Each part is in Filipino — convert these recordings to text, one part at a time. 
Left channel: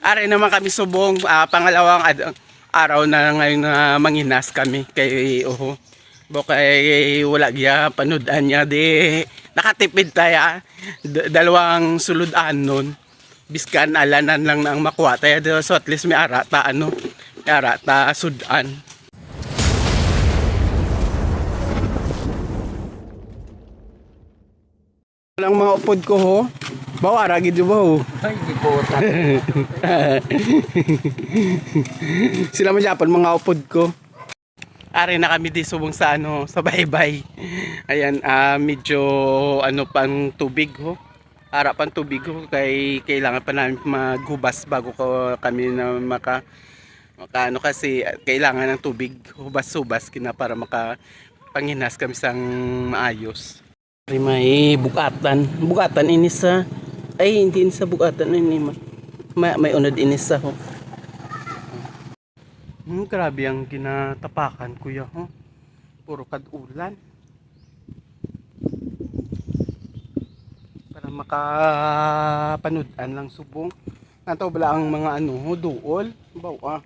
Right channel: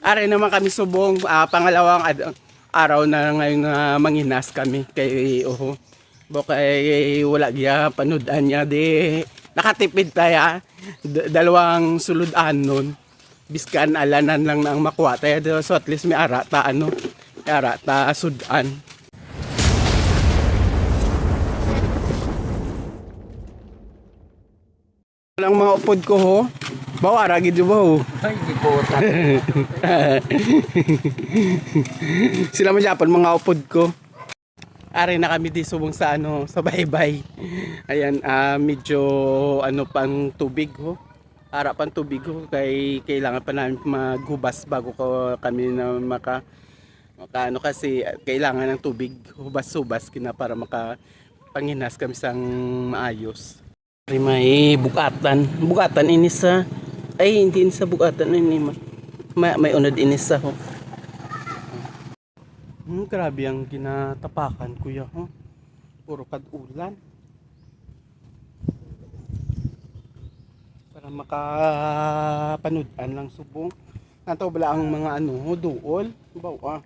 Are naman kami subong, pangalawang araw na ngayon na manginas kami kay oho. Kay wala gya panudan niya di nakatipid tayo dalawang suludan nun. Biskan alanan lang na ang makuha tayo so at least may ara ta may ara ta sudan. Walang mga upod ko ho. Bawara gid ba ho? Ay, di po. Sila man Japan mga upod ko. Are na kami di subong sa sa baybay. Ayan, medyo pang tubig ho. Ara pang tubig ho kay kailangan pa namin maghubas bago kami na maka kasi kailangan ng tubig hubas-hubas kina para panginas kami sang maayos. May bukatan ini sa hindi sa bukatan ini may unod ini sa ho. Grabe ang ginatapakan kuya ho. Puro kad-ulan. Para makapanood-an lang subong. Nantaw bala ang mga duol. Baw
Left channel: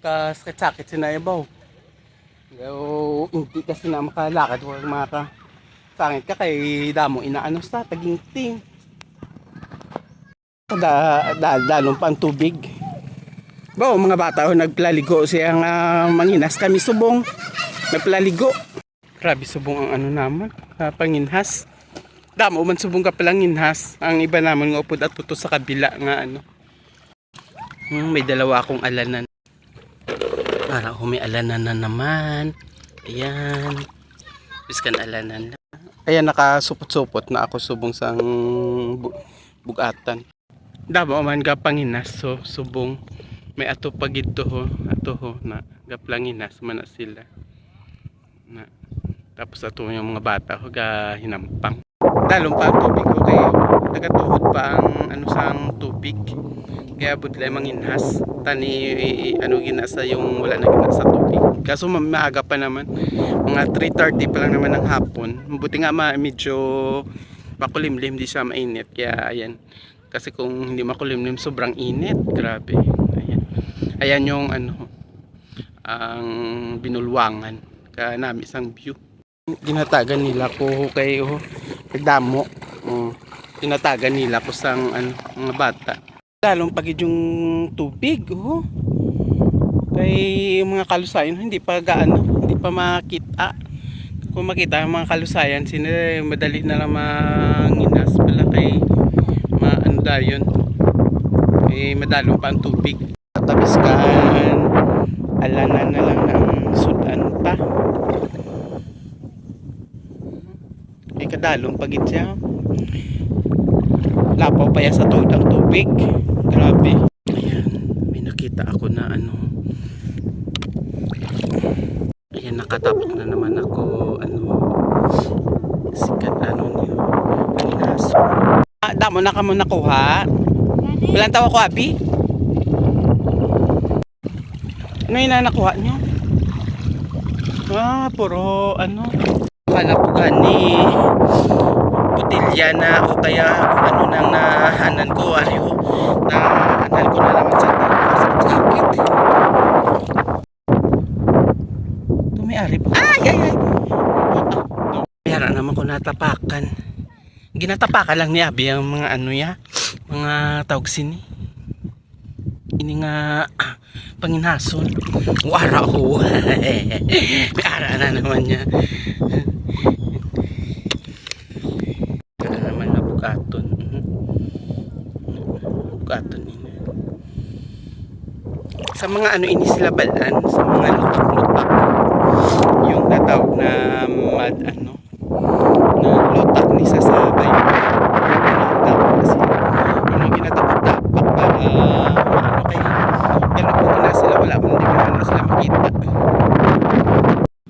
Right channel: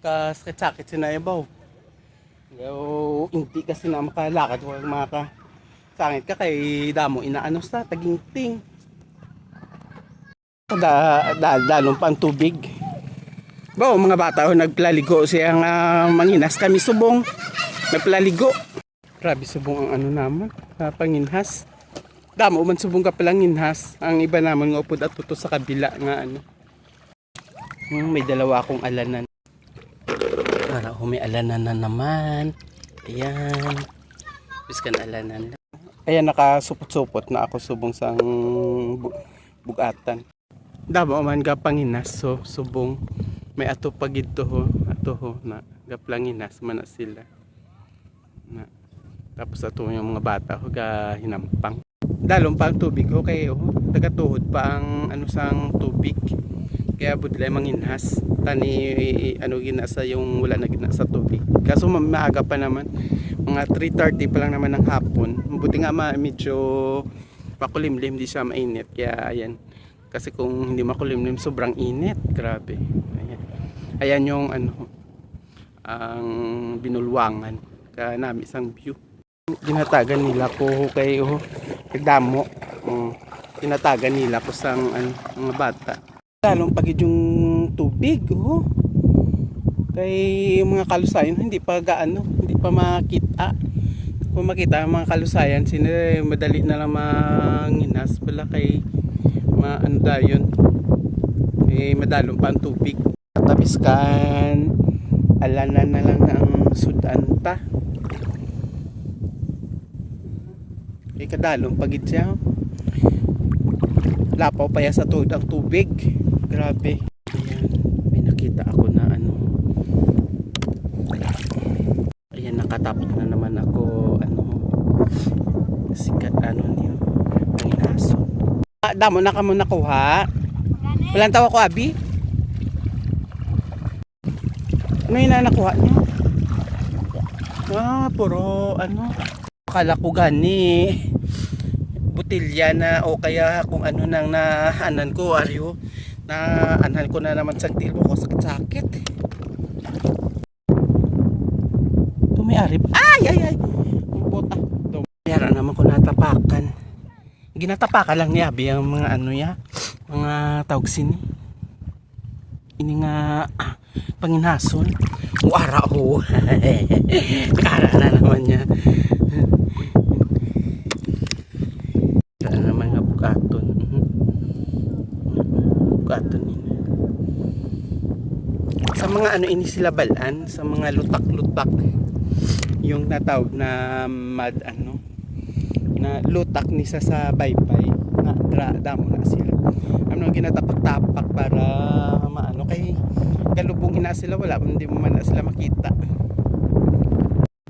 sakit-sakit sinayabaw. Hindi kasi na makalakad wala sangit ka kay damo inaano sa taginting. Dalong pa ang tubig. Mga bata nagplaligo siyang manginas kami subong. Nagplaligo. Grabe subong ang naman, panginhas. Damo man subong ka palang inhas. Ang iba naman nga upod at tuto sa kabila nga may dalawa akong alanan. Para may alanan na naman. Ayan. Biskan alanan. Ayan, nakasupot-supot na ako subong sang bugatan. Damo man ka panginas so subong. May ato pagid ho na gaplanginas man na sila. Tapos ato yung mga bata ho ga hinampang. Dalong pa ang tubig ho kay tagatuhod pa ang sang tubig. Kaya budlay manginhas tani ginasa yung wala na ginasa tubig. Kaso maaga pa naman. Mga 3:30 pa lang naman ng hapon. Buti nga medyo makulimlim di siya mainit. Kaya ayan. Kasi kung hindi makulimlim sobrang init. Grabe. Ayan yung ang binulwangan kanami isang view. Ginatagan nila ko kay nagdamo. Ginatagan nila ko sang mga bata. Lalong pagid yung tubig kay mga kalusayan hindi pa hindi pa makita. Kung makita ang mga kalusayan madali na lang manginas pala kay dayon. Madalong pa ang tubig. Tabiskan alanan na lang ng sudan pa kadalong pagit siya lapaw pa ya sa tuod ang tubig. Grabe. Ayan, may nakita ako na ayan, nakatapos na naman ako sikat niyo pinaso. Damo na ka mo nakuha walang tawa ko abi. Ano yung nakuha nyo? Puro akala ko gani butilya na o kaya kung nang nahanan ko nahanan ko na naman sa sakit. Tumayari pa. Ay. Mayara naman ko natapakan. Ginatapakan lang ni abi ang mga mga tawag sini. Ini nga panginason. Ara ho. May ara na naman niya. Ara naman na bukaton. Bukaton ini. Sa mga ini sila balan, sa mga lutak-lutak. Yung tatawag na na lutak ni sa sabay. Tinatawag kasi. Yung ginatapak-tapak para kay galubog na sila wala man din na sila makita.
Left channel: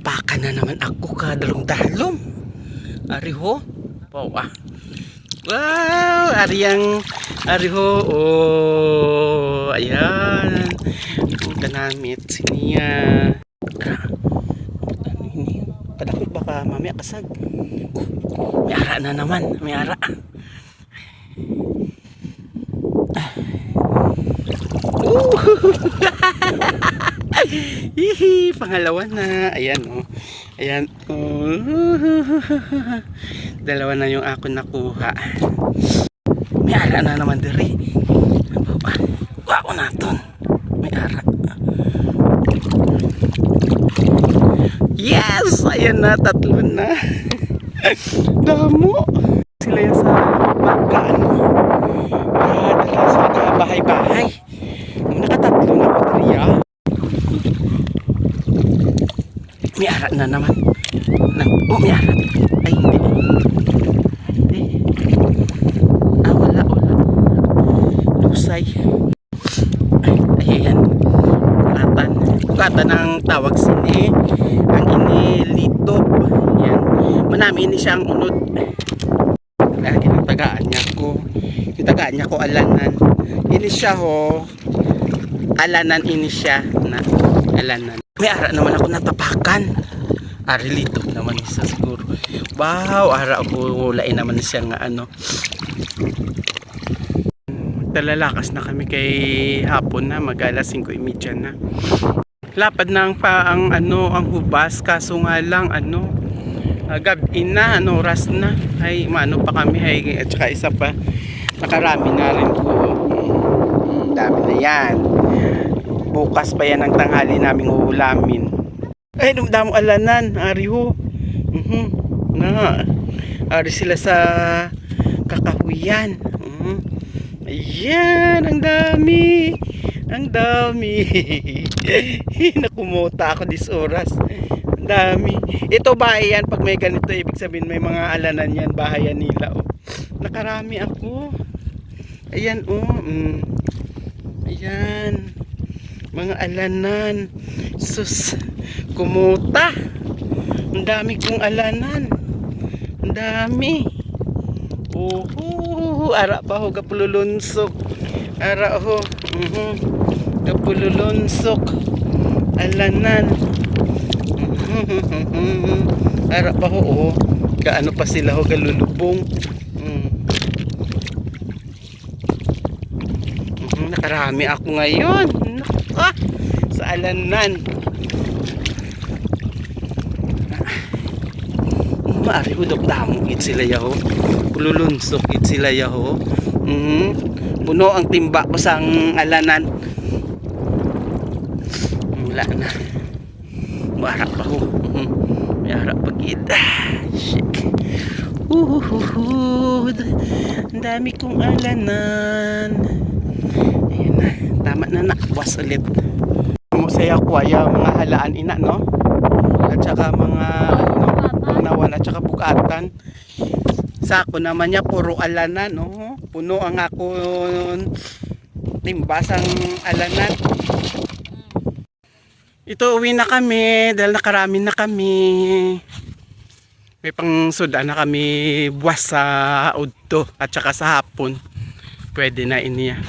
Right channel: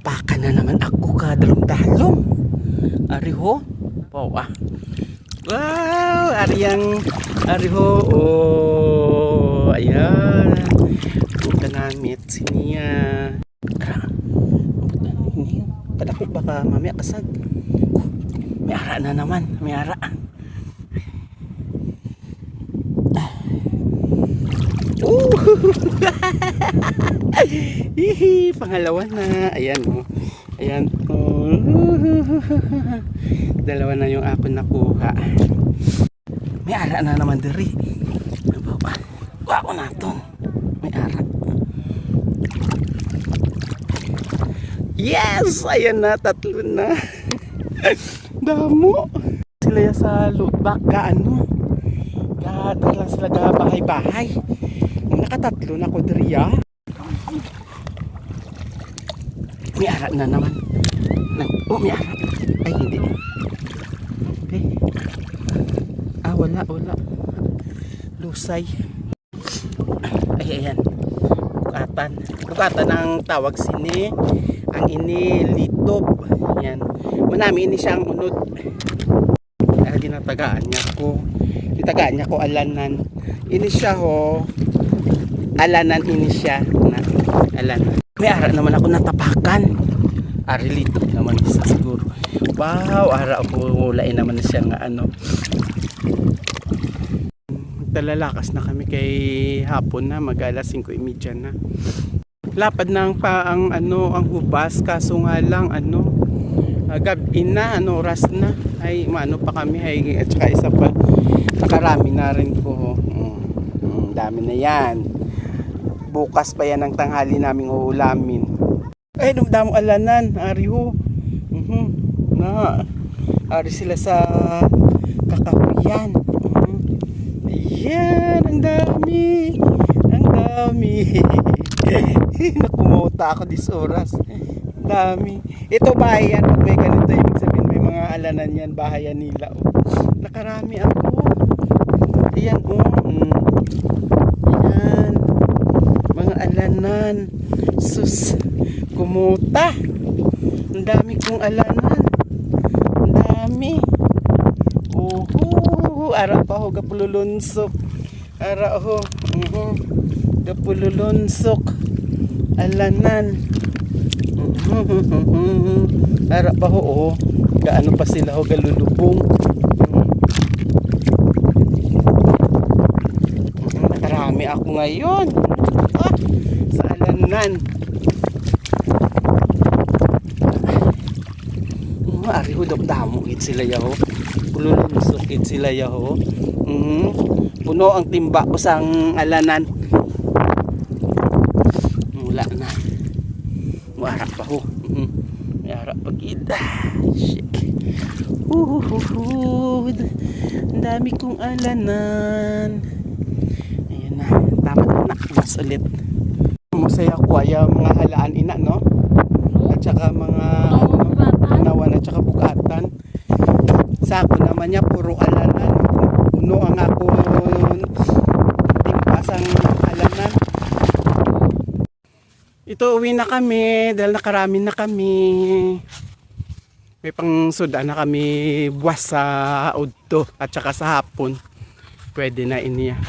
Baka na naman ako kadalong-dalong. Ari ho. Wow, ari ho. Ayan. Ang kanamit siniya. Kadako baka mamaya kasag. May ara na naman, may ara. Hihi, pangalawa na. Ayan oh. Ayan oh. Dalawa na yung ako nakuha. May ara na naman diri. Wow naton. May ara. Yes! Ayan na, tatlo na. Damo. Sila yan sa lubak ka ano. Dala sa bahay-bahay. Nakatatlo na ko diriya. May ara na naman. Oh, may ara. Ay, hindi. Wala. Lusay. Ay, ayan. Kukatan ang tawag sini. Ang inilitop. Yan. Manami ini siyang unod. Ay, ginatagaan niya ko. Yung tagaan niya ko alanan. Ini siya ho. Alanan ini siya na alanan. May ara naman ako natapakan. Arilito naman isa siguro. Wow, ara ako lain naman siya nga ano. Talalakas na kami kay hapon na, mag-alas 5:30 na. Lapad na ang ano, ang hubas kaso nga lang ano, gabi na, ano, oras na. Ay, maano pa kami, ay, at saka isa pa, nakarami na rin ko. Dami na yan. Bukas pa yan ang tanghali naming uulamin. Ay, dumdamo alanan, ariho. Na, ari sila sa kakahuyan. Ayan, ang dami. Ang dami. Nakumuta ako dis oras. Ang dami. Ito bahay yan. Pag may ganito, ibig sabihin may mga alanan yan. Bahayan nila. Oh. Nakarami ako. Ayan, oh. Ayan. Mga alanan. Sus. Kumuta. Ang dami kong alanan. Ang dami. Ara pa ho gapululunsok. Ara ho. Gapululunsok. Alanan. Ara pa ho oh. Gaano pa sila ho galulubong. Nakarami ako ngayon. Sa alanan. Maari ho damo git sila yaho. Pululunsok git sila yaho. Puno ang timba ko sang alanan. Wala na. Maharap pa ho. May harap pa gid. Shit. Ang dami kong alanan. Ayan na. Tama na nakabas ulit. Masaya ko ay mga halaan ina no. At saka mga ano, nawan at saka bugatan. Sa ako naman niya puro alanan. Puno ang ako timpasang alanan. Ito uwi na kami dahil nakarami na kami. May pang suda na kami buwas sa udto at saka sa hapon. Pwede na iniya.